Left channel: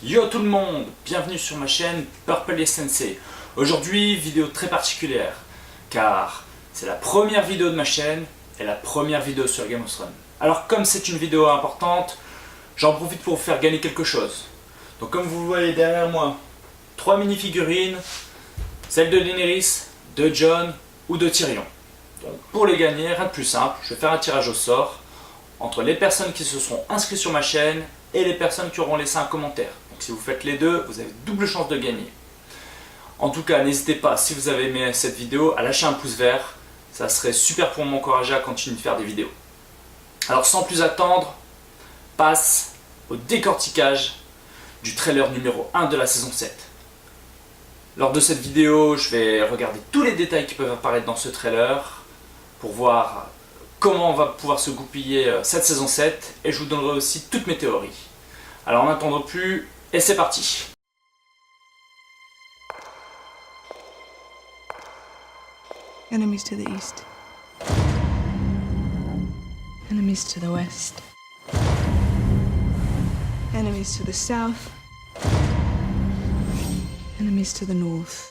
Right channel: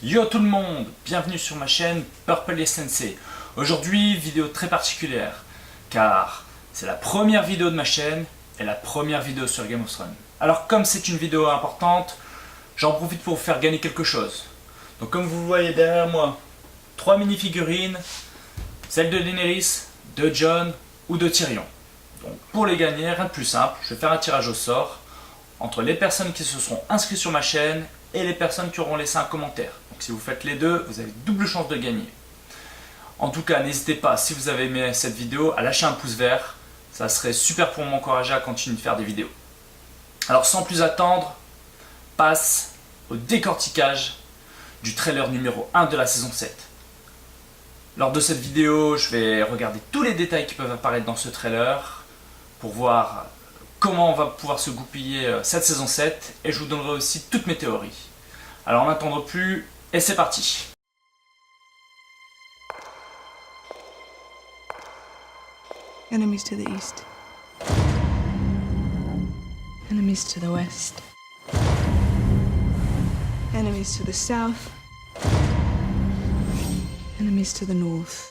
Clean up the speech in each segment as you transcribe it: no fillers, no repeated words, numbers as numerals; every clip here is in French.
Yo tout le monde, bienvenue sur ma chaîne Purple Sensei. Aujourd'hui, vidéo très particulière, car c'est la première vidéo de ma chaîne et la première vidéo sur Game of Thrones. Alors comme c'est une vidéo importante, j'en profite pour vous faire gagner quelque chose. Donc comme vous le voyez derrière moi, 3 mini-figurines, celle de Daenerys, de Jon ou de Tyrion. Donc pour les gagner, rien de plus simple, je vais faire un tirage au sort entre les personnes qui se seront inscrites sur ma chaîne et les personnes qui auront laissé un commentaire. Donc si vous faites les deux, vous avez double chance de gagner. En tout cas, n'hésitez pas, si vous avez aimé cette vidéo, à lâcher un pouce vert. Ça serait super pour m'encourager à continuer de faire des vidéos. Alors sans plus attendre, passe au décortiquage du trailer numéro 1 de la saison 7. Lors de cette vidéo, je vais regarder tous les détails qui peuvent apparaître dans ce trailer pour voir comment on va pouvoir se goupiller cette saison 7 et je vous donnerai aussi toutes mes théories. Alors en n'attendant plus, et c'est parti. Enemies to the east. Enemies to the west. Enemies to the south. Enemies to the north.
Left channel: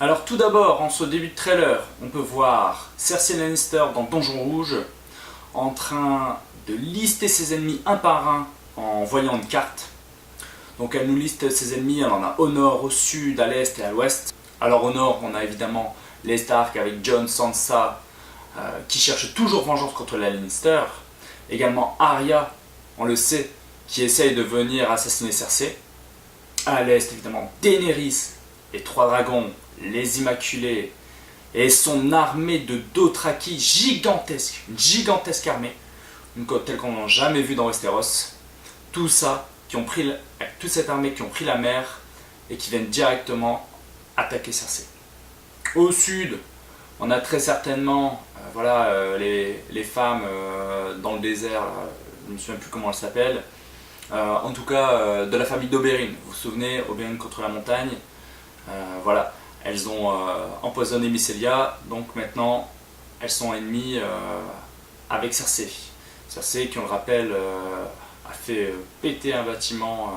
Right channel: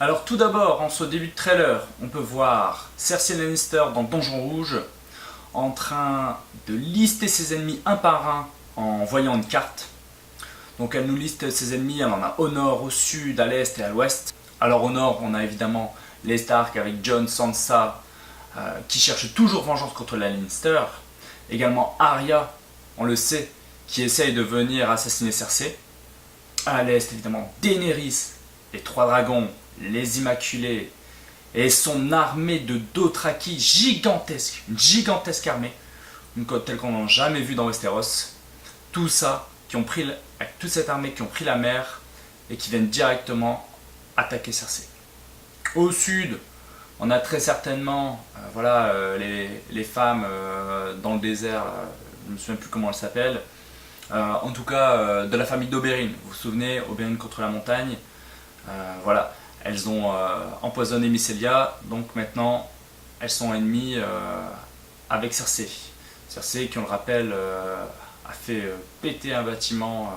Alors tout d'abord, en ce début de trailer, on peut voir Cersei Lannister dans Donjon Rouge en train de lister ses ennemis un par un en voyant une carte. Donc elle nous liste ses ennemis, elle en a au nord, au sud, à l'est et à l'ouest. Alors au nord, on a évidemment les Stark avec Jon, Sansa qui cherche toujours vengeance contre la Lannister. Également Arya, on le sait, qui essaye de venir assassiner Cersei. À l'est, évidemment, Daenerys, les trois dragons, les Immaculés et son armée de Dothraki gigantesque, une gigantesque armée, telle qu'on n'a jamais vu dans Westeros. Tout ça, avec toute cette armée qui ont pris la mer et qui viennent directement attaquer Cersei. Au sud, on a très certainement les femmes dans le désert, je ne me souviens plus comment elles s'appellent, en tout cas de la famille d'Oberyn. Vous vous souvenez, Oberyn contre la montagne, voilà. Elles ont empoisonné Mycelia, donc maintenant elles sont ennemies avec Cersei. Cersei, qui on le rappelle, a fait péter un bâtiment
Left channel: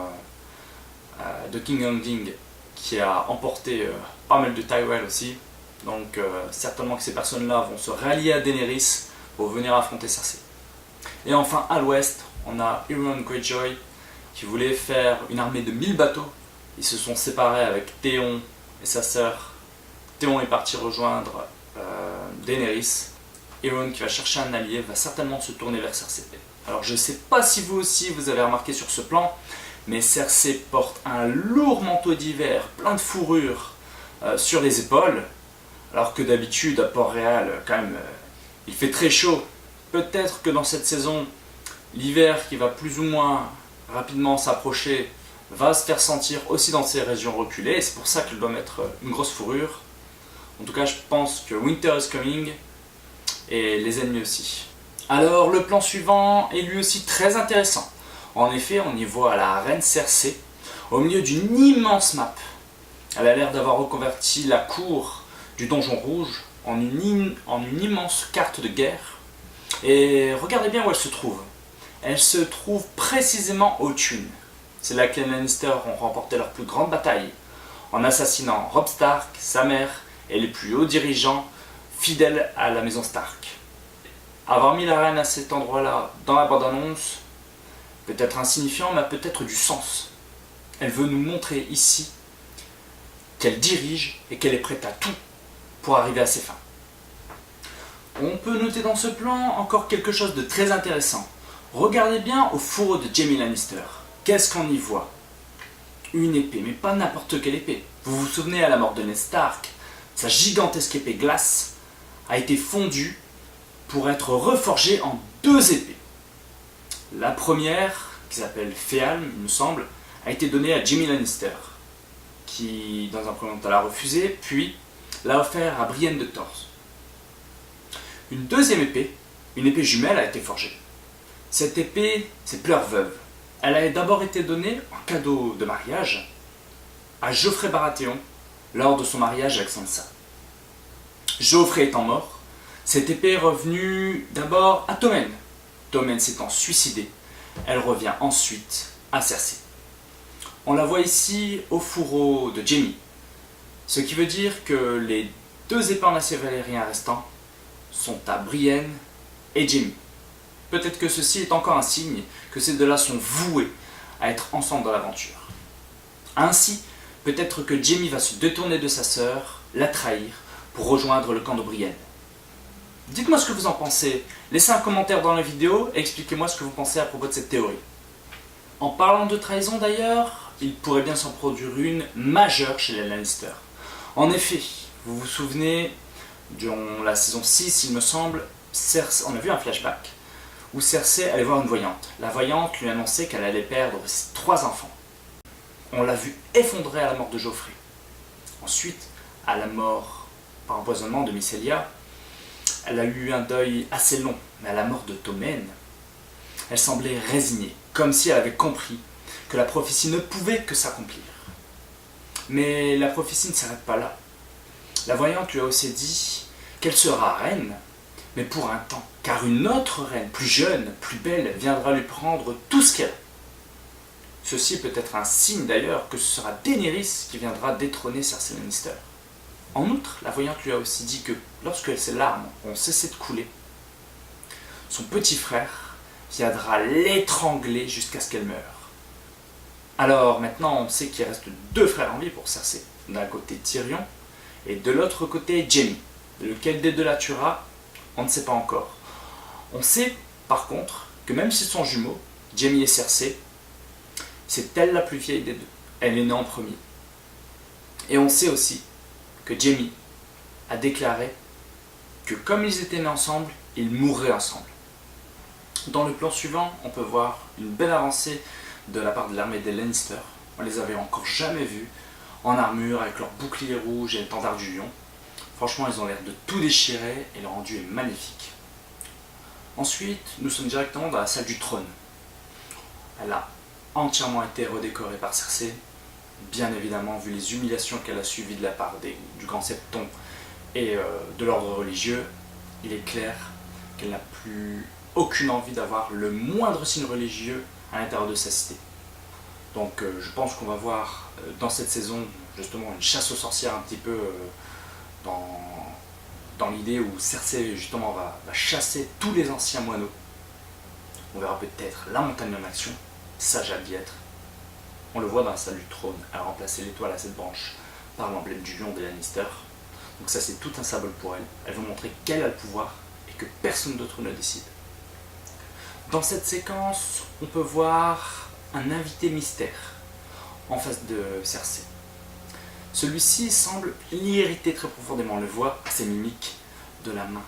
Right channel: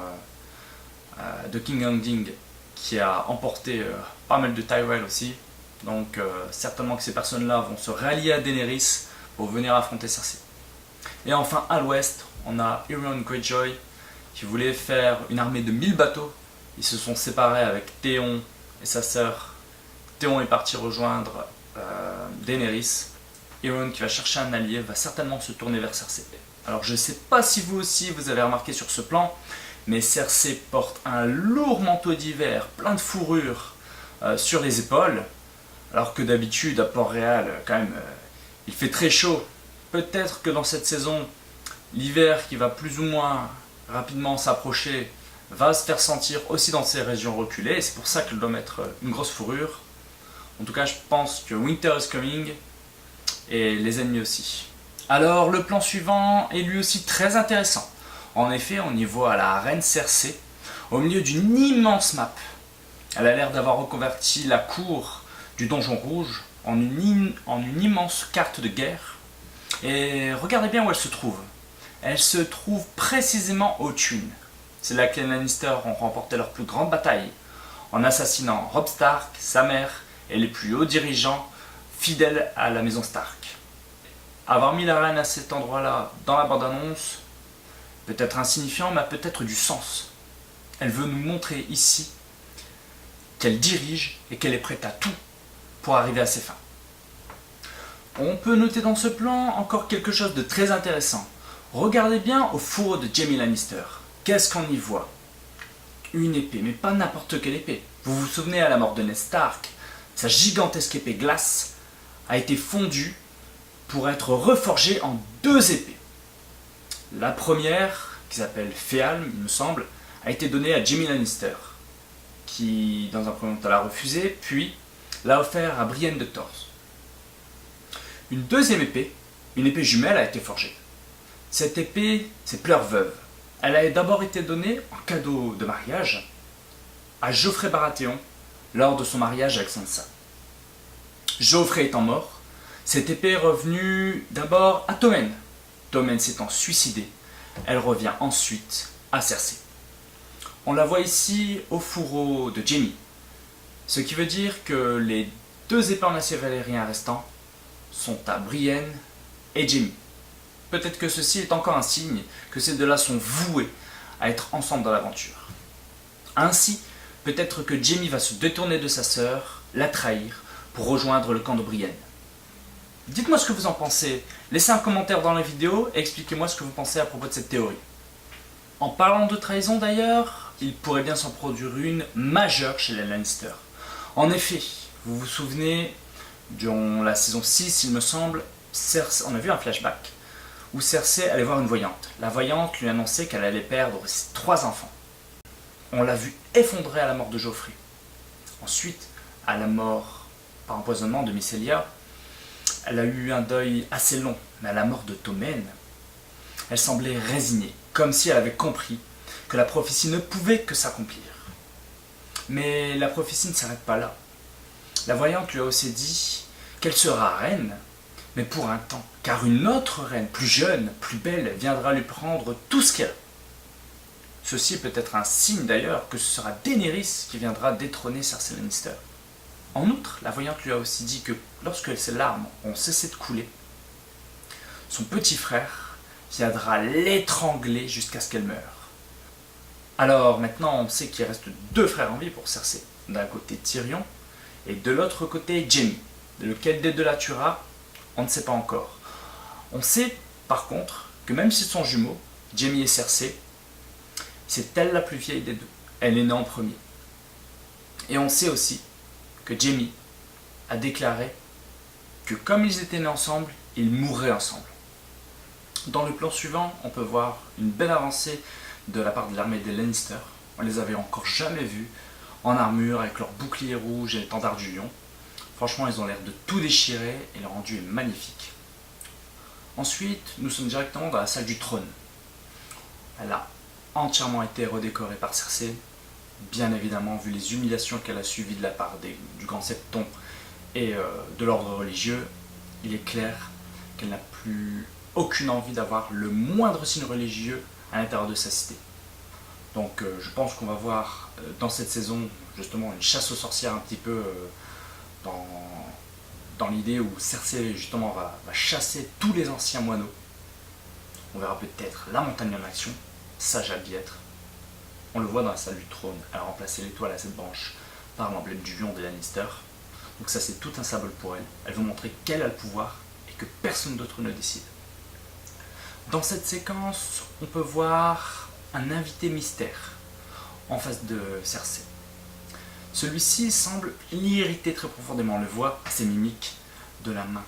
de King Landing qui a emporté pas mal de Tyrell aussi. Donc certainement que ces personnes-là vont se rallier à Daenerys pour venir affronter Cersei. Et enfin à l'ouest, on a Euron Greyjoy qui voulait faire une armée de 1000 bateaux. Ils se sont séparés avec Théon et sa sœur. Théon est parti rejoindre Daenerys. Euron, qui va chercher un allié, va certainement se tourner vers Cersei. Alors je ne sais pas si vous aussi vous avez remarqué sur ce plan, mais Cersei porte un lourd manteau d'hiver plein de fourrure sur les épaules, alors que d'habitude à Port-Réal, quand même, il fait très chaud. Peut-être que dans cette saison, l'hiver qui va plus ou moins rapidement s'approcher va se faire sentir aussi dans ces régions reculées, et c'est pour ça qu'elle doit mettre une grosse fourrure. En tout cas, je pense que Winter is coming, et les ennemis aussi. Alors, le plan suivant est lui aussi très intéressant. En effet, on y voit la reine Cersei au milieu d'une immense map. Elle a l'air d'avoir reconverti la cour du Donjon Rouge en une immense carte de guerre. Et regardez bien où elle se trouve. Elle se trouve précisément au Thune. C'est là que les Lannister ont remporté leur plus grande bataille, en assassinant Robb Stark, sa mère et les plus hauts dirigeants fidèles à la maison Stark. Avoir mis la reine à cet endroit-là dans la bande-annonce peut être insignifiant, mais a peut-être du sens. Elle veut nous montrer ici qu'elle dirige et qu'elle est prête à tout pour arriver à ses fins. On peut noter dans ce plan encore quelque chose de très intéressant. Regardez bien au fourreau de Jaime Lannister. Qu'est-ce qu'on y voit? Une épée, mais pas n'importe quelle épée. Vous vous souvenez à la mort de Ned Stark, sa gigantesque épée glace a été fondue pour être reforgée en 2 épées. La première, qui s'appelle Féalm, il me semble, a été donnée à Jaime Lannister, qui dans un premier temps l'a refusée, puis l'a offert à Brienne de Tarth. Une deuxième épée, une épée jumelle, a été forgée. Cette épée, c'est Pleure Veuve. Elle a d'abord été donnée en cadeau de mariage à Joffrey Baratheon lors de son mariage avec Sansa. Joffrey étant mort, cette épée est revenue d'abord à Tommen. Tommen s'étant suicidé, Elle revient ensuite à Cersei. On la voit ici au fourreau de Jaime, ce qui veut dire que les deux épées en acier valérien restants sont à Brienne et Jaime. Peut-être que ceci est encore un signe que ces deux-là sont voués à être ensemble dans l'aventure. Ainsi, peut-être que Jaime va se détourner de sa sœur, la trahir, pour rejoindre le camp de Brienne. Dites-moi ce que vous en pensez, laissez un commentaire dans la vidéo et expliquez-moi ce que vous pensez à propos de cette théorie. En parlant de trahison d'ailleurs, il pourrait bien s'en produire une majeure chez les Lannister. En effet, vous vous souvenez, durant la saison 6, il me semble, on a vu un flashback où Cersei allait voir une voyante. La voyante lui annonçait qu'elle allait perdre ses 3 enfants. On l'a vu effondrer à la mort de Joffrey. Ensuite, à la mort par empoisonnement de Mycelia, elle a eu un deuil assez long, mais à la mort de Tommen, elle semblait résignée, comme si elle avait compris que la prophétie ne pouvait que s'accomplir. Mais la prophétie ne s'arrête pas là. La voyante lui a aussi dit qu'elle sera reine, mais pour un temps, car une autre reine, plus jeune, plus belle, viendra lui prendre tout ce qu'elle a. Ceci peut être un signe d'ailleurs que ce sera Daenerys qui viendra détrôner Cersei Lannister. En outre, la voyante lui a aussi dit que lorsque ses larmes ont cessé de couler, son petit frère viendra l'étrangler jusqu'à ce qu'elle meure. Alors maintenant, on sait qu'il reste 2 frères en vie pour Cersei. D'un côté Tyrion et de l'autre côté Jaime. Lequel des deux la tuera, on ne sait pas encore. On sait par contre que même s'ils sont jumeaux, Jaime et Cersei, c'est elle la plus vieille des deux. Elle est née en premier. Et on sait aussi que Jaime a déclaré que comme ils étaient nés ensemble, ils mourraient ensemble. Dans le plan suivant, on peut voir une belle avancée de la part de l'armée des Lannister. On les avait encore jamais vus en armure avec leurs boucliers rouges et l'étendard du lion. Franchement, ils ont l'air de tout déchirer et le rendu est magnifique. Ensuite, nous sommes directement dans la salle du trône. Elle a entièrement été redécorée par Cersei, bien évidemment, vu les humiliations qu'elle a subies de la part du grand septon et de l'ordre religieux. Il est clair qu'elle n'a plus aucune envie d'avoir le moindre signe religieux à l'intérieur de sa cité. Donc je pense qu'on va voir dans cette saison justement une chasse aux sorcières un petit peu dans l'idée où Cersei justement va chasser tous les anciens moineaux. On verra peut-être la montagne en action, ça j'ai hâte d'y être. On le voit dans la salle du trône, elle a remplacé l'étoile à 7 branches par l'emblème du lion des Lannister. Donc ça c'est tout un symbole pour elle. Elle veut montrer qu'elle a le pouvoir et que personne d'autre ne décide. Dans cette séquence, on peut voir un invité mystère en face de Cersei. Celui-ci semble l'irriter très profondément, on le voit à ses mimiques de la main.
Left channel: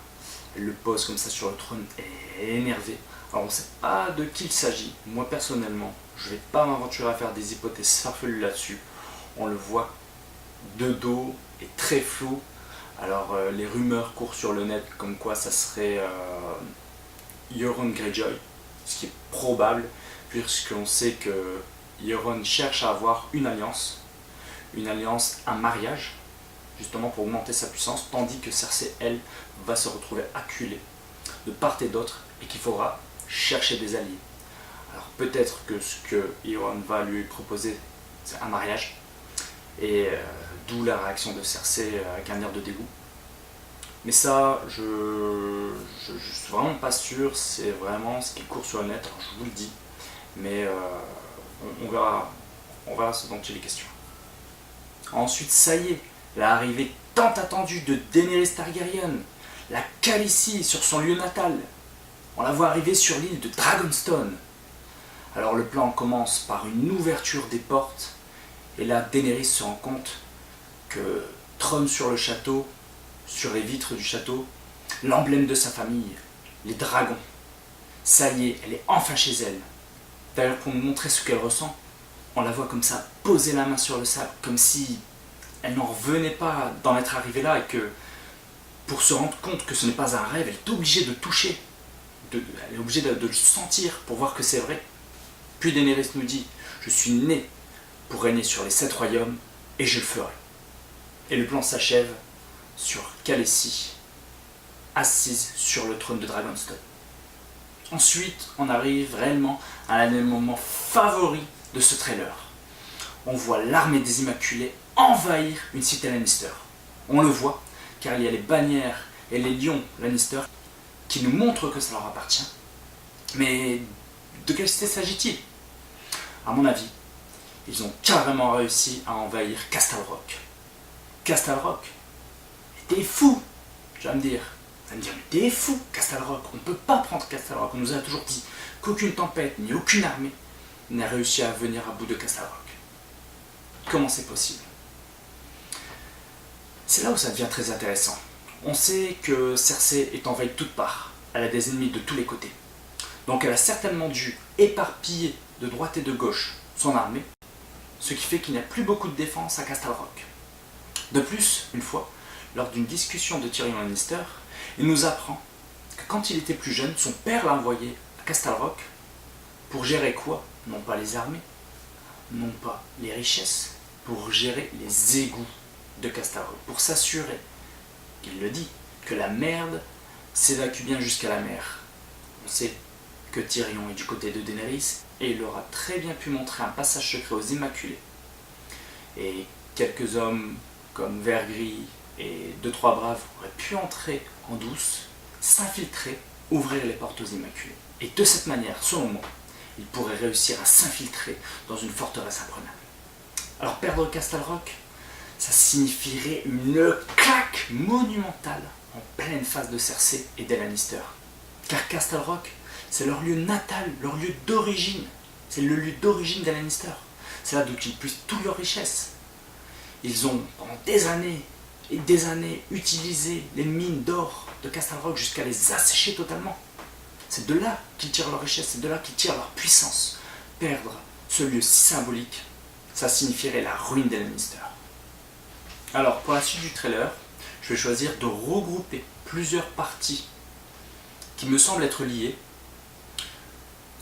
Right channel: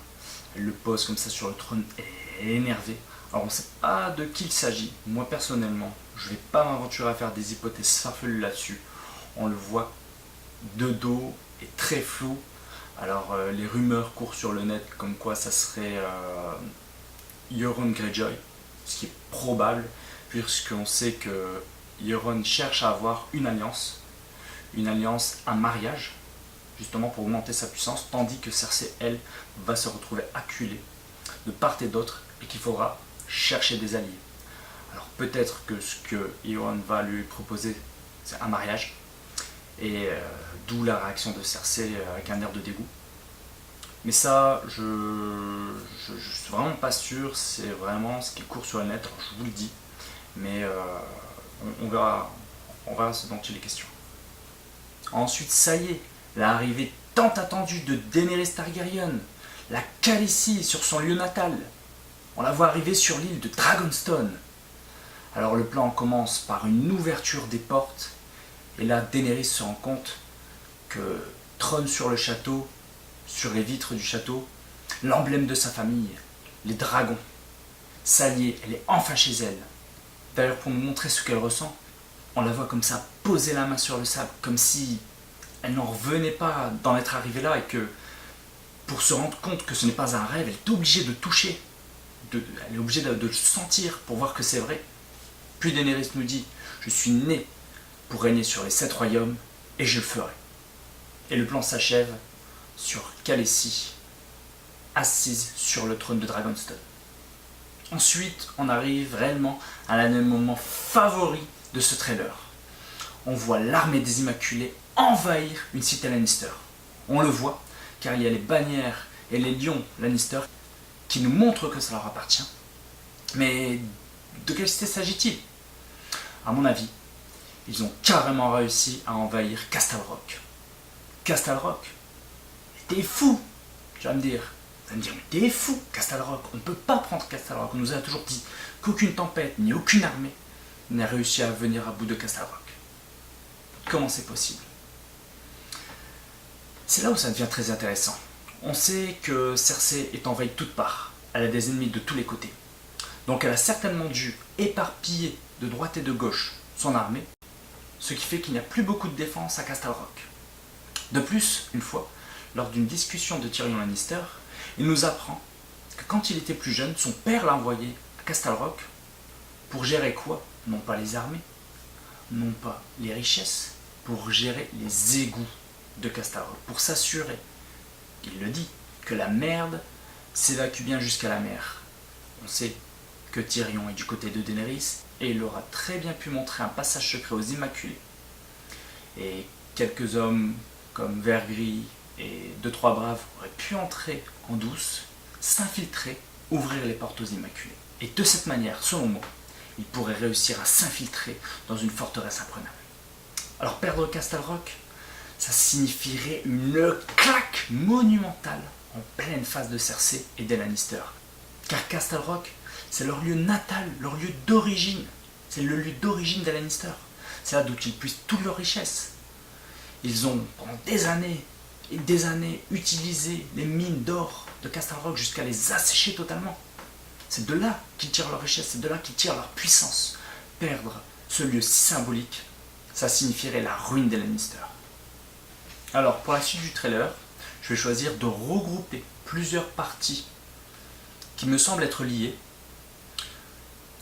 Elle le pose comme ça sur le trône et elle est énervée. Alors on ne sait pas de qui il s'agit. Moi personnellement, je ne vais pas m'aventurer à faire des hypothèses farfelues là-dessus. On le voit de dos et très flou. Alors les rumeurs courent sur le net comme quoi ça serait Euron Greyjoy, ce qui est probable puisqu'on sait que Euron cherche à avoir une alliance, un mariage, justement pour augmenter sa puissance, tandis que Cersei, elle, va se retrouver acculée de part et d'autre et qu'il faudra chercher des alliés. Alors peut-être que ce que Euron va lui proposer, c'est un mariage, et d'où la réaction de Cersei avec un air de dégoût. Mais ça, je suis vraiment pas sûr, c'est vraiment ce qui court sur le net, alors je vous le dis, mais on verra ce dont il est question. Ensuite, ça y est, l'arrivée tant attendue de Daenerys Targaryen, la Khaleesi sur son lieu natal. On la voit arriver sur l'île de Dragonstone. Alors le plan commence par une ouverture des portes, et là Daenerys se rend compte que trône sur le château, sur les vitres du château, l'emblème de sa famille, les dragons. Ça y est, elle est enfin chez elle. D'ailleurs, pour nous montrer ce qu'elle ressent, on la voit comme ça poser la main sur le sable, comme si elle n'en revenait pas d'en être arrivée là et que pour se rendre compte que ce n'est pas un rêve, elle est obligée de toucher, elle est obligée de le sentir pour voir que c'est vrai. Puis Daenerys nous dit « Je suis né pour régner sur les 7 royaumes et je le ferai ». Et le plan s'achève sur Khaleesi, assise sur le trône de Dragonstone. Ensuite, on arrive réellement à l'un des moments favoris de ce trailer. On voit l'armée des Immaculés envahir une cité Lannister. On le voit, car il y a les bannières et les lions Lannister qui nous montrent que ça leur appartient. Mais de quelle cité s'agit-il? À mon avis, ils ont carrément réussi à envahir Castle Rock. Castle Rock? T'es fou, tu vas me dire. Tu vas me dire, mais t'es fou, Castle Rock. On ne peut pas prendre Castle Rock. On nous a toujours dit qu'aucune tempête ni aucune armée n'a réussi à venir à bout de Castle Rock. Comment c'est possible? C'est là où ça devient très intéressant. On sait que Cersei est envahie de toutes parts. Elle a des ennemis de tous les côtés. Donc elle a certainement dû éparpiller de droite et de gauche son armée, ce qui fait qu'il n'y a plus beaucoup de défense à Castle Rock. De plus, une fois, lors d'une discussion de Tyrion Lannister, il nous apprend que quand il était plus jeune, son père l'a envoyé à Castle Rock pour gérer quoi? Non pas les armées, non pas les richesses, pour gérer les égouts de Castle Rock, pour s'assurer, il le dit, que la merde s'évacue bien jusqu'à la mer. On sait que Tyrion est du côté de Daenerys et il aura très bien pu montrer un passage secret aux Immaculés. Et quelques hommes comme Vergris et 2-3 braves auraient pu entrer en douce, s'infiltrer, ouvrir les portes aux Immaculés. Et de cette manière, selon moi, ils pourraient réussir à s'infiltrer dans une forteresse imprenable. Alors perdre Castle Rock, ça signifierait une claque monumentale en pleine face de Cersei et des Lannister. Car Castle Rock, c'est leur lieu natal, leur lieu d'origine. C'est le lieu d'origine des Lannister. C'est là d'où ils puissent toutes leurs richesses. Ils ont, pendant des années et des années, utilisé les mines d'or de Castle Rock jusqu'à les assécher totalement. C'est de là qu'ils tirent leur richesse, c'est de là qu'ils tirent leur puissance. Perdre ce lieu si symbolique, ça signifierait la ruine des Lannister. Alors, pour la suite du trailer, je vais choisir de regrouper plusieurs parties qui me semblent être liées,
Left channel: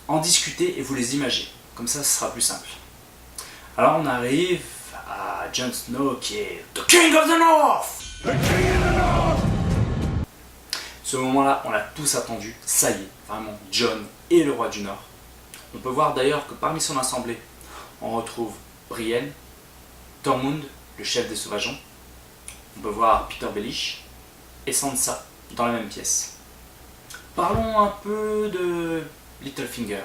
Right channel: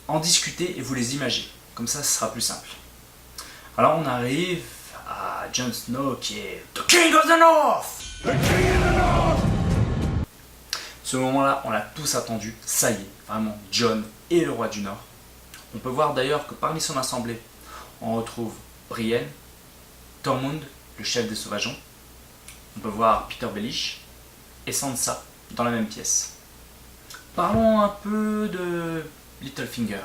en discuter et vous les imager. Comme ça, ce sera plus simple. Alors, on arrive à Jon Snow qui est The King of the North! The King of the North! Ce moment-là, on l'a tous attendu. Ça y est, vraiment, Jon est le roi du Nord. On peut voir d'ailleurs que parmi son assemblée, on retrouve Brienne, Tormund, le chef des Sauvageons. On peut voir Peter Baelish et Sansa dans la même pièce. Parlons un peu de Littlefinger.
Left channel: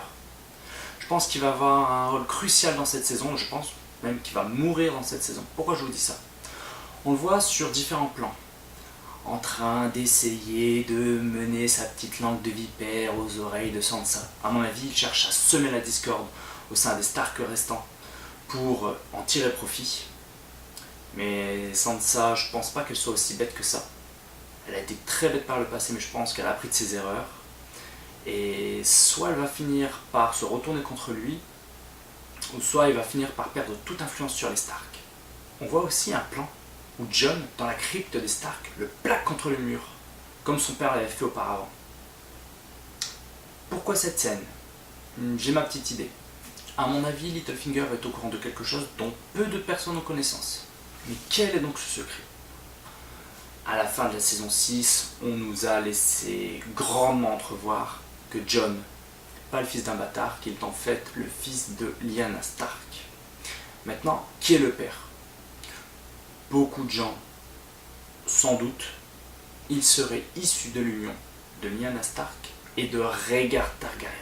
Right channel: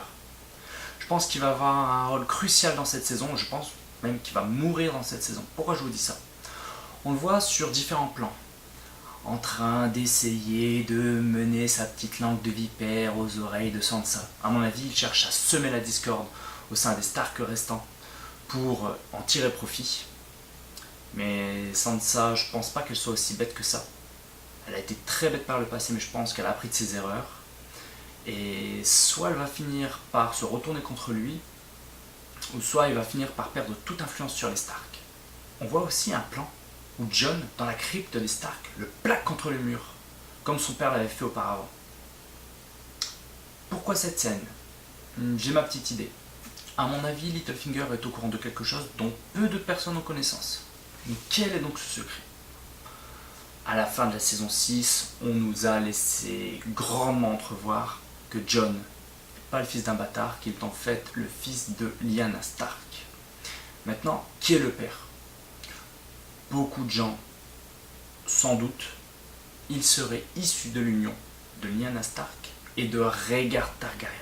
Je pense qu'il va avoir un rôle crucial dans cette saison. Je pense même qu'il va mourir dans cette saison. Pourquoi je vous dis ça? On le voit sur différents plans, en train d'essayer de mener sa petite langue de vipère aux oreilles de Sansa. À mon avis, il cherche à semer la discorde au sein des Stark restants pour en tirer profit. Mais Sansa, je pense pas qu'elle soit aussi bête que ça. Elle a été très bête par le passé, mais je pense qu'elle a appris de ses erreurs. Et soit elle va finir par se retourner contre lui, ou soit il va finir par perdre toute influence sur les Stark. On voit aussi un plan où Jon, dans la crypte des Stark, le plaque contre le mur, comme son père l'avait fait auparavant. Pourquoi cette scène? J'ai ma petite idée. À mon avis, Littlefinger est au courant de quelque chose dont peu de personnes ont connaissance. Mais quel est donc ce secret? À la fin de la saison 6, on nous a laissé grandement entrevoir que Jon n'est pas le fils d'un bâtard, qu'il est en fait le fils de Lyanna Stark. Maintenant, qui est le père? Beaucoup de gens, sans doute, il serait issu de l'union de Lyanna Stark et de Rhaegar Targaryen.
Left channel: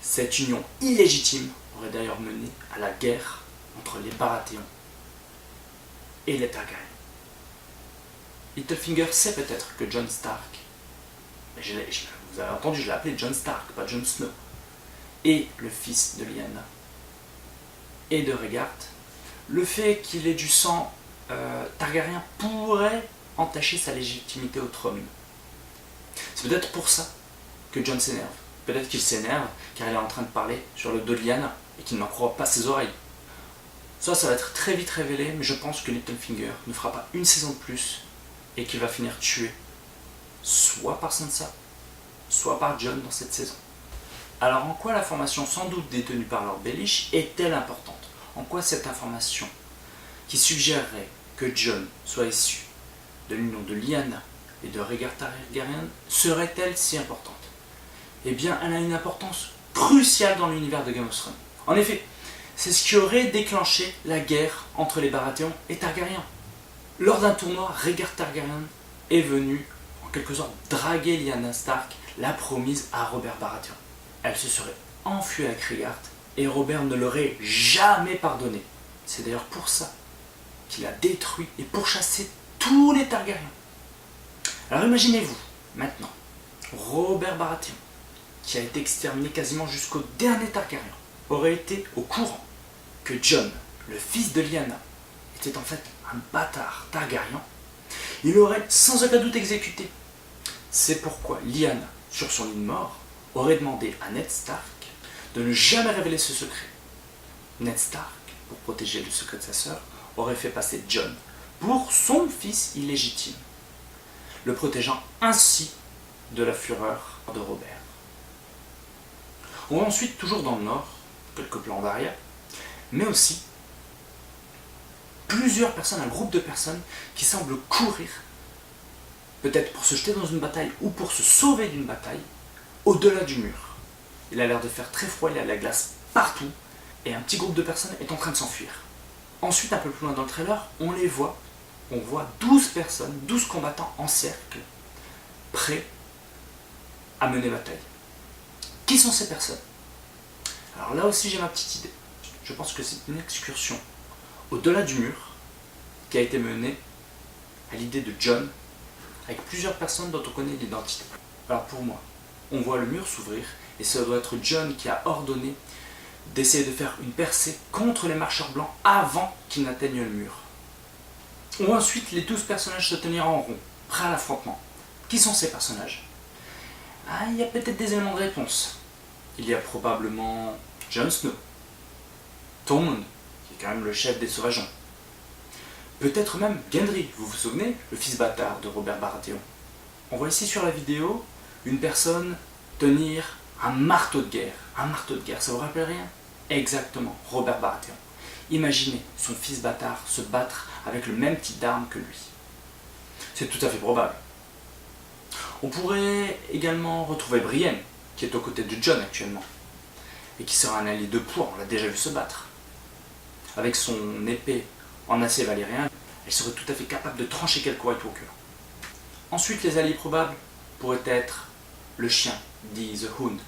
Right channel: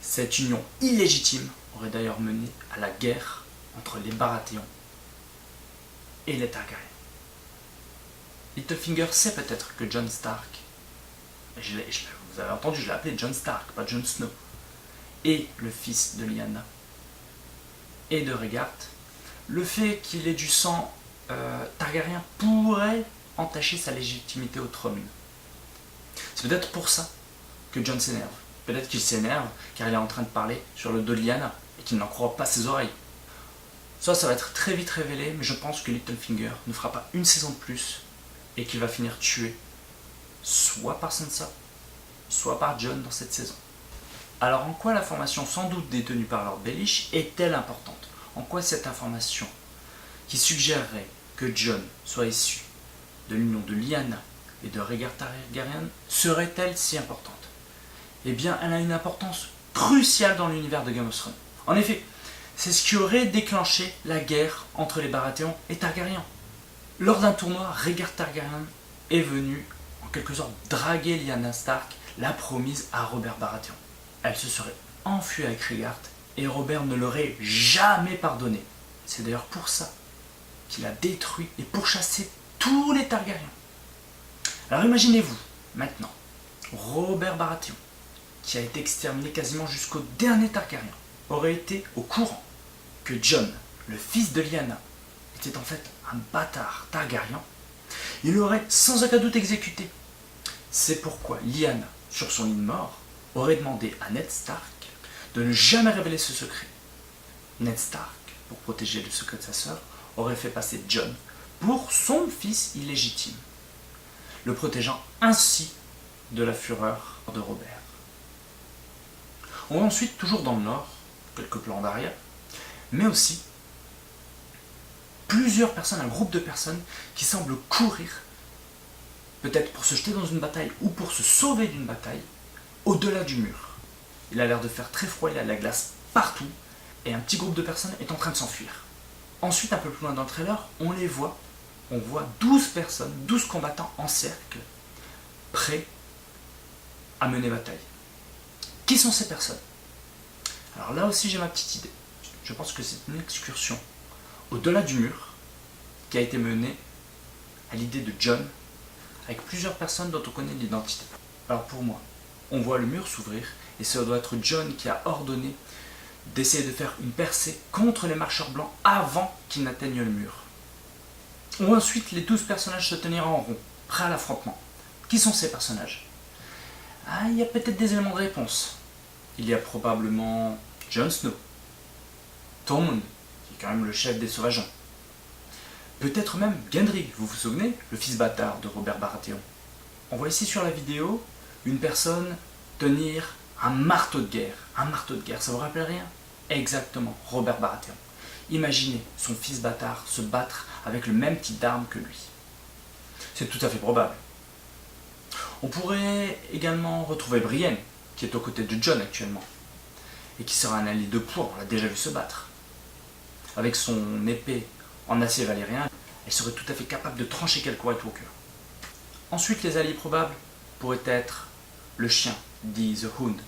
Cette union illégitime aurait d'ailleurs mené à la guerre entre les Baratheons et les Targaryens. Littlefinger sait peut-être que Jon Stark, vous avez entendu, je l'ai appelé Jon Stark, pas Jon Snow, est le fils de Lyanna et de Rhaegar. Le fait qu'il ait du sang Targaryen pourrait entacher sa légitimité au trône. C'est peut-être pour ça que Jon s'énerve. Peut-être qu'il s'énerve car il est en train de parler sur le dos de Lyanna et qu'il n'en croit pas ses oreilles. Ça va être très vite révélé, mais je pense que Littlefinger ne fera pas une saison de plus et qu'il va finir tué, soit par Sansa, soit par Jon dans cette saison. Alors en quoi l'information sans doute détenue par Lord Baelish est-elle importante? En quoi cette information, qui suggérerait que Jon soit issu de l'union de Lyanna et de Rhaegar Targaryen, serait-elle si importante? eh bien elle a une importance cruciale dans l'univers de Game of Thrones. En effet, c'est ce qui aurait déclenché la guerre entre les Baratheons et Targaryens. Lors d'un tournoi, Rhaegar Targaryen est venu en quelque sorte draguer Lyanna Stark, la promise à Robert Baratheon. Elle se serait enfuie avec Rhaegar et Robert ne l'aurait jamais pardonné. C'est d'ailleurs pour ça qu'il a détruit et pourchassé tous les Targaryens. Alors imaginez-vous, maintenant, Robert Baratheon, qui a été exterminé quasiment jusqu'au dernier Targaryen, aurait été au courant que Jon, le fils de Lyanna, était en fait un bâtard Targaryen. Il l'aurait sans aucun doute exécuté. C'est pourquoi Lyanna, sur son lit de mort, aurait demandé à Ned Stark de ne jamais révéler ce secret. Ned Stark, pour protéger le secret de sa sœur, aurait fait passer Jon pour son fils illégitime, le protégeant ainsi de la fureur de Robert. On voit ensuite, toujours dans le nord, quelques plans d'arrière, mais aussi plusieurs personnes, un groupe de personnes qui semblent courir, peut-être pour se jeter dans une bataille ou pour se sauver d'une bataille, au-delà du mur. Il a l'air de faire très froid, il y a de la glace partout, et un petit groupe de personnes est en train de s'enfuir. Ensuite, un peu plus loin dans le trailer, on les voit. On voit 12 personnes, 12 combattants en cercle, prêts à mener bataille. Qui sont ces personnes? Alors là aussi, j'ai ma petite idée. Je pense que c'est une excursion au-delà du mur qui a été menée à l'idée de Jon, avec plusieurs personnes dont on connaît l'identité. Alors pour moi, on voit le mur s'ouvrir, et ça doit être Jon qui a ordonné d'essayer de faire une percée contre les marcheurs blancs avant qu'ils n'atteignent le mur. On voit ensuite les 12 personnages se tenir en rond, prêts à l'affrontement. Qui sont ces personnages? Il y a peut-être des éléments de réponse. Il y a probablement Jon Snow, Tormund, qui est quand même le chef des sauvageons. Peut-être même Gendry, vous vous souvenez, le fils bâtard de Robert Baratheon. On voit ici sur la vidéo une personne tenir un marteau de guerre. Un marteau de guerre, ça vous rappelle rien? Exactement, Robert Baratheon. Imaginez son fils bâtard se battre avec le même type d'arme que lui. C'est tout à fait probable. On pourrait également retrouver Brienne, qui est aux côtés de Jon actuellement, et qui sera un allié de poids, on l'a déjà vu se battre. Avec son épée en acier valérien, elle serait tout à fait capable de trancher quelques White Walkers. Ensuite, les alliés probables pourraient être le chien, dit The Hound,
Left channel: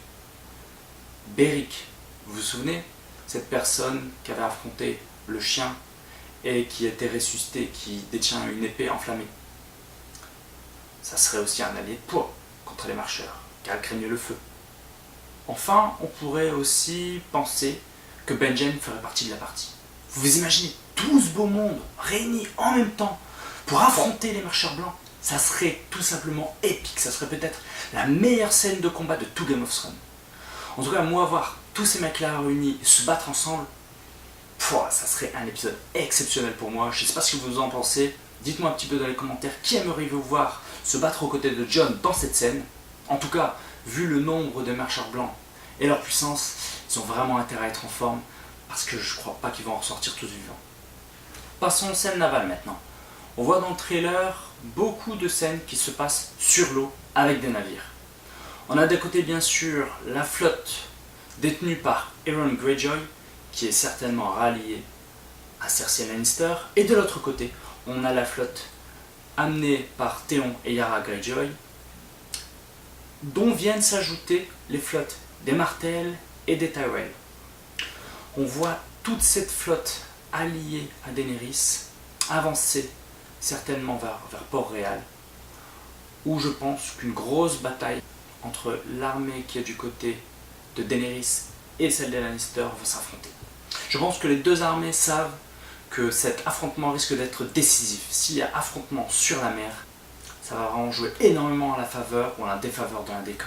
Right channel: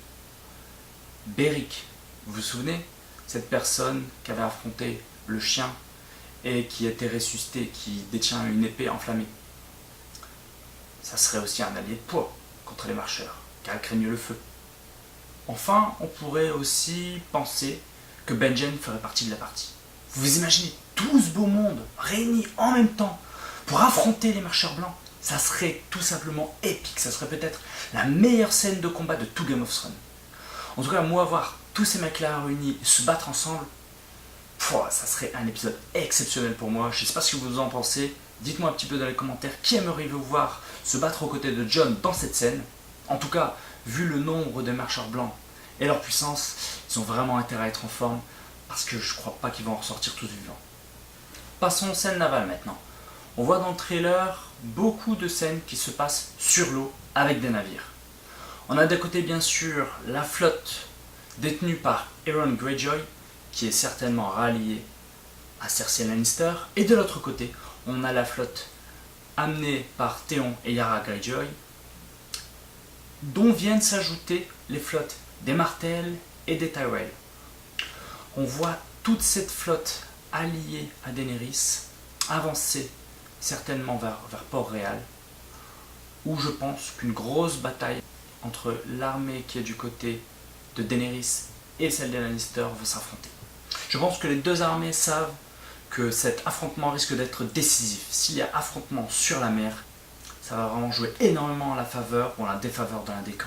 Beric, vous vous souvenez, cette personne qui avait affronté le chien et qui était ressuscité, qui détient une épée enflammée. Ça serait aussi un allié de poids contre les marcheurs, car elle craignait le feu. Enfin, on pourrait aussi penser que Benjen ferait partie de la partie. Vous vous imaginez tout ce beau monde réuni en même temps pour affronter les marcheurs blancs? Ça serait tout simplement épique, ça serait peut-être la meilleure scène de combat de tout Game of Thrones. En tout cas, moi, voir tous ces mecs-là réunis se battre ensemble, ça serait un épisode exceptionnel pour moi. Je ne sais pas ce que vous en pensez. Dites-moi un petit peu dans les commentaires qui aimeriez-vous voir se battre aux côtés de Jon dans cette scène. En tout cas, vu le nombre de marcheurs blancs et leur puissance, ils ont vraiment intérêt à être en forme parce que je ne crois pas qu'ils vont en ressortir tous vivants. Passons aux scènes navales maintenant. On voit dans le trailer beaucoup de scènes qui se passent sur l'eau avec des navires. On a d'un côté bien sûr la flotte détenue par Euron Greyjoy, qui est certainement ralliée à Cersei Lannister, et de l'autre côté, on a la flotte amenée par Theon et Yara Greyjoy, dont viennent s'ajouter les flottes des Martell et des Tyrell. On voit toute cette flotte alliée à Daenerys avancer certainement vers Port-Réal, où je pense qu'une grosse bataille entre l'armée qui est du côté de Daenerys et celle des Lannister va s'affronter. Je pense que les deux armées savent que cet affrontement risque d'être décisif. S'il y a affrontement sur la mer, ça va vraiment jouer énormément à la faveur ou à la défaveur de l'un des camps.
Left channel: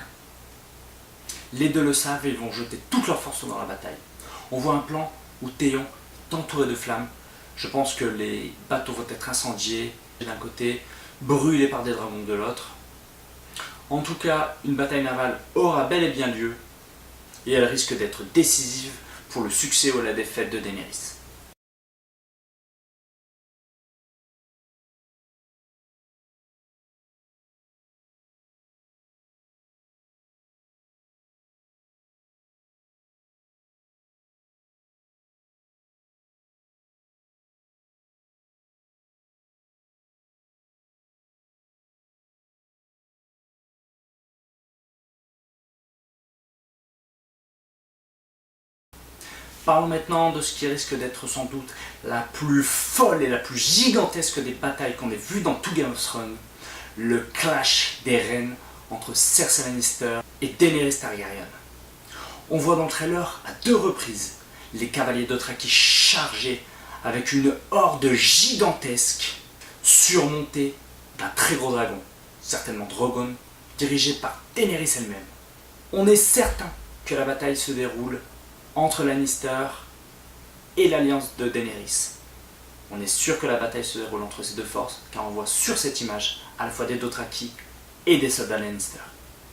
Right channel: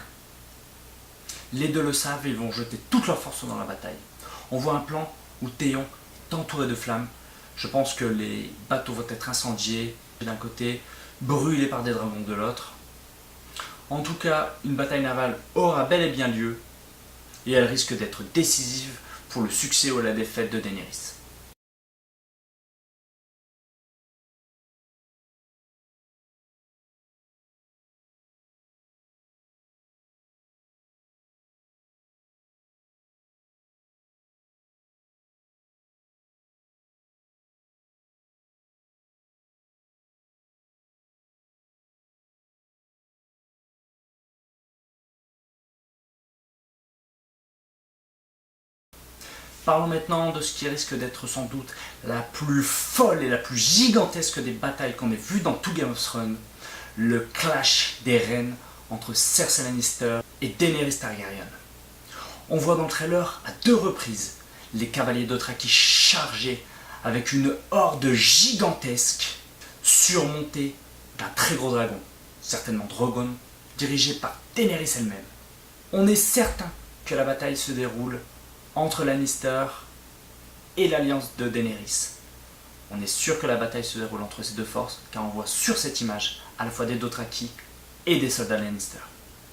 Les deux le savent et ils vont jeter toute leur force dans la bataille. On voit un plan où Theon est entouré de flammes. Je pense que les bateaux vont être incendiés d'un côté, brûlés par des dragons de l'autre. En tout cas, une bataille navale aura bel et bien lieu et elle risque d'être décisive pour le succès ou la défaite de Daenerys. Parlons maintenant de ce qui risque d'être sans doute la plus folle et la plus gigantesque des batailles qu'on ait vues dans tout Game of Thrones. Le clash des reines entre Cersei Lannister et Daenerys Targaryen. On voit dans le trailer à 2 reprises les cavaliers Dothraki chargés avec une horde gigantesque surmontée d'un très gros dragon, certainement Drogon, dirigé par Daenerys elle-même. On est certain que la bataille se déroule entre Lannister et l'alliance de Daenerys. On est sûr que la bataille se déroule entre ces 2 forces, car on voit sur cette image à la fois des Dothraki et des soldats Lannister.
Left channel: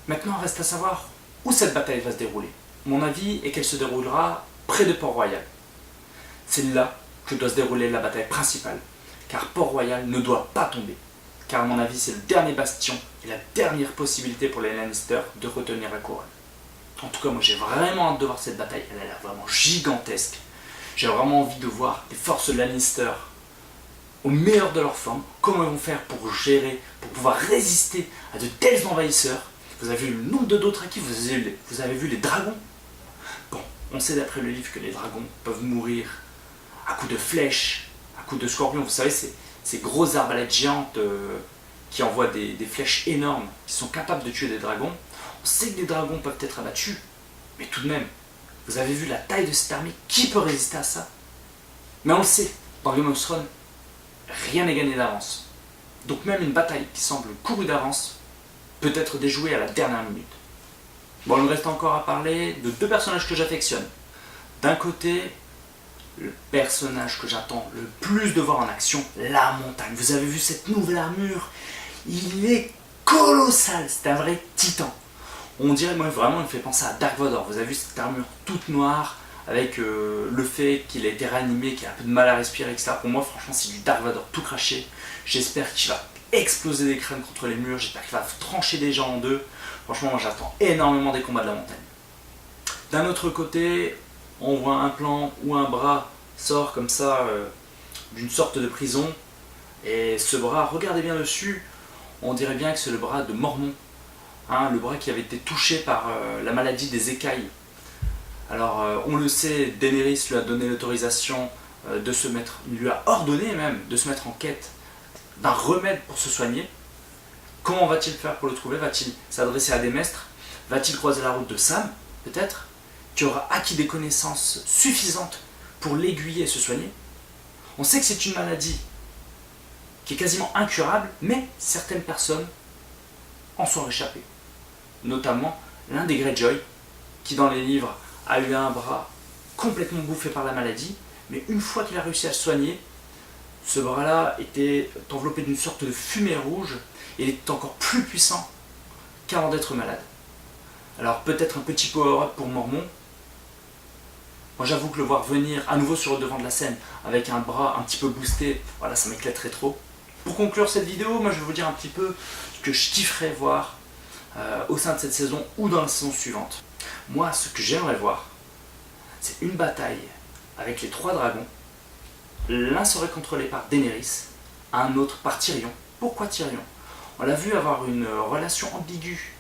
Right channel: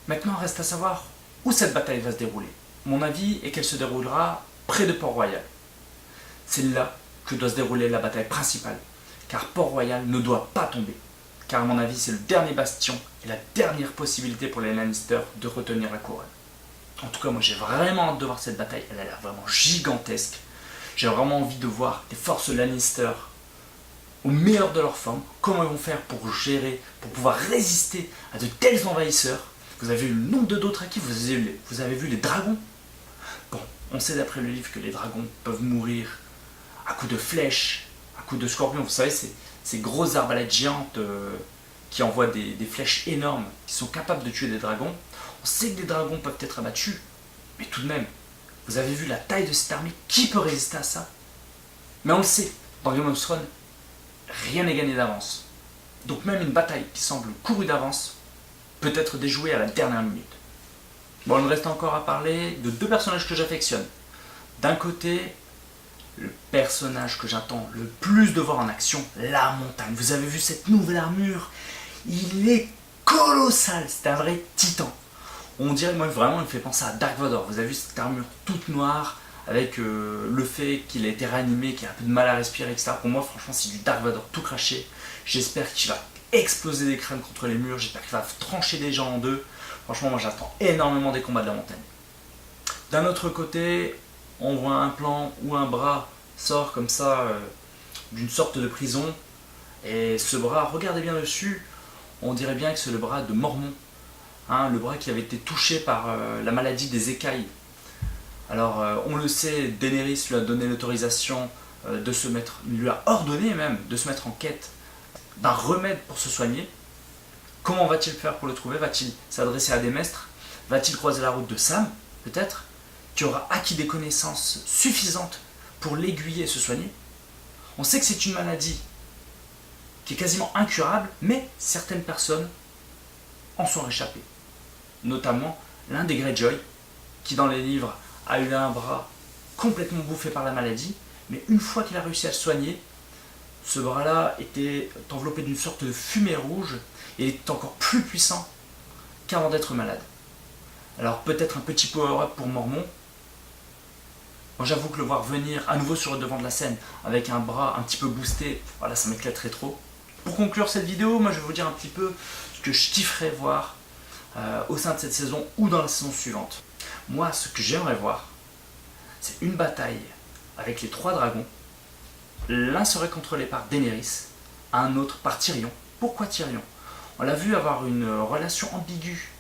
Maintenant, reste à savoir où cette bataille va se dérouler. Mon avis est qu'elle se déroulera près de Port-Royal. C'est là que doit se dérouler la bataille principale, car Port-Royal ne doit pas tomber. Car à mon avis, c'est le dernier bastion et la dernière possibilité pour les Lannister de retenir la couronne. En tout cas, moi j'ai vraiment hâte de voir cette bataille, elle a l'air vraiment gigantesque. J'ai vraiment envie de voir les forces Lannister au meilleur de leur forme, comment ils vont faire pour gérer, pour pouvoir résister à de tels envahisseurs. Vous avez vu le nombre de Dothraki, vous avez vu les dragons. Bon, on sait d'après le livre que les dragons peuvent mourir à coups de flèches, à coups de scorpions. Vous savez, ces grosses arbalètes géantes qui envoient des flèches énormes, qui sont capables de tuer des dragons. On sait que des dragons peuvent être abattus, mais tout de même, vous avez vu la taille de cette armée, qui peut résister à ça? Mais on le sait, dans Game of Thrones, rien n'est gagné d'avance. Donc même une bataille qui semble courue d'avance peut être déjouée à la dernière minute. Bon, il me reste encore à parler de 2 personnages que j'affectionne. D'un côté, le personnage que j'attends le plus de voir en action, la montagne. Vous avez vu cette nouvelle armure? Il est colossal, c'est un vrai titan. On dirait, moi vraiment, il me fait penser à Dark Vador. Vous avez vu cette armure toute noire, avec le fait qu'il a été réanimé, qu'il a un peu de mal à respirer, etc. Pour moi, franchement, c'est du Dark Vador tout craché. J'espère qu'il va exploser des crânes contre les murs, j'espère qu'il va trancher des gens en 2. Franchement, moi j'attends énormément des combats de la montagne. D'un autre côté, on voit un plan où un bras sort comme ça d'une sorte de prison. Et ce bras, regardez bien dessus, on dirait bien que c'est le bras de Mormont. Hein, le bras qui avait été touché par la maladie des écailles. Alors, on le sait, Daenerys lui a donné l'autorisation de se mettre, lui a ordonné même de se mettre en quête d'un remède pour se soigner. Comment va-t-il faire pour le trouver? Va-t-il s'adresser à des maîtres? Va-t-il croiser la route de Sam, peut-être, qui aura acquis des connaissances suffisantes pour l'aiguiller et se soigner? On sait que c'est une maladie qui est quasiment incurable, mais certaines personnes en sont réchappées. Notamment l'un des Greyjoy, qui dans les livres a eu un bras complètement bouffé par la maladie, mais une fois qu'il a réussi à se soigner, ce bras-là était enveloppé d'une sorte de fumée rouge et il était encore plus puissant qu'avant d'être malade. Alors peut-être un petit power-up pour Mormont. Moi j'avoue que le voir venir à nouveau sur le devant de la scène avec un bras un petit peu boosté, voilà, ça m'éclaterait trop. Pour conclure cette vidéo, moi je vais vous dire un petit peu ce que je kifferais voir au sein de cette saison ou dans la saison suivante. Moi, ce que j'aimerais voir, c'est une bataille avec les 3 dragons. L'un serait contrôlé par Daenerys, un autre par Tyrion. Pourquoi Tyrion? On l'a vu avoir une relation ambiguë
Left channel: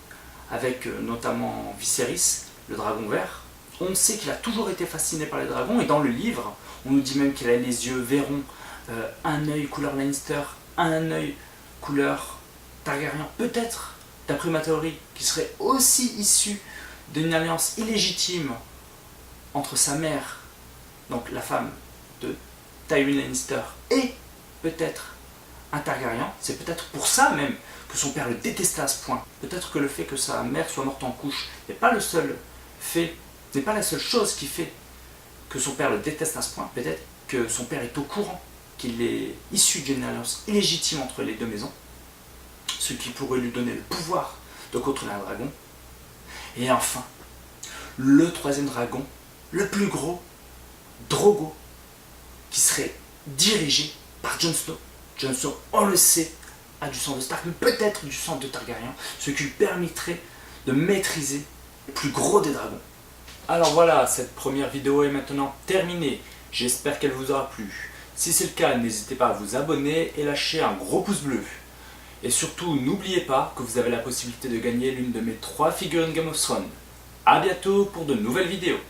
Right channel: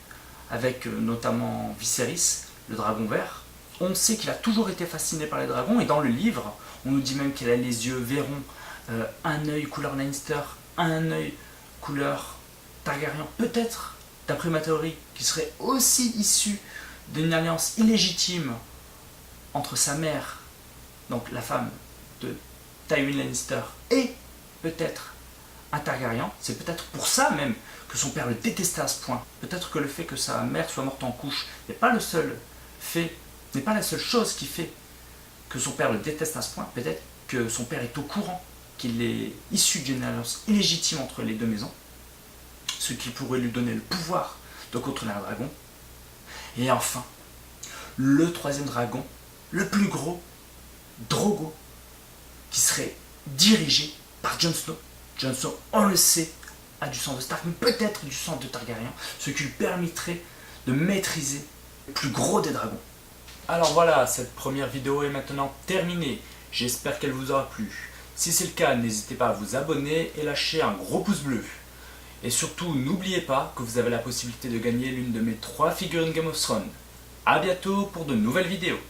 avec notamment Viserys, le dragon vert. On sait qu'il a toujours été fasciné par les dragons et dans le livre, on nous dit même qu'il a les yeux verrons, un œil couleur Lannister, un œil couleur Targaryen. Peut-être, d'après ma théorie, qu'il serait aussi issu d'une alliance illégitime entre sa mère, donc la femme de Tywin Lannister, et peut-être un Targaryen. C'est peut-être pour ça même que son père le détestait à ce point. Peut-être que le fait que sa mère soit morte en couche n'est pas le seul fait, n'est pas la seule chose qui fait que son père le déteste à ce point. Peut-être que son père est au courant qu'il est issu d'une alliance illégitime entre les 2 maisons, ce qui pourrait lui donner le pouvoir de contrôler un dragon. Et enfin, le 3e dragon, le plus gros, Drogo, qui serait dirigé par Jon Snow. Jon Snow, on le sait, a du sang de Stark, mais peut-être du sang de Targaryen, ce qui lui permettrait de maîtriser le plus gros des dragons. Alors voilà, cette première vidéo est maintenant terminée. J'espère qu'elle vous aura plu. Si c'est le cas, n'hésitez pas à vous abonner et lâcher un gros pouce bleu. Et surtout, n'oubliez pas que vous avez la possibilité de gagner l'une de mes 3 figurines Game of Thrones. A bientôt pour de nouvelles vidéos.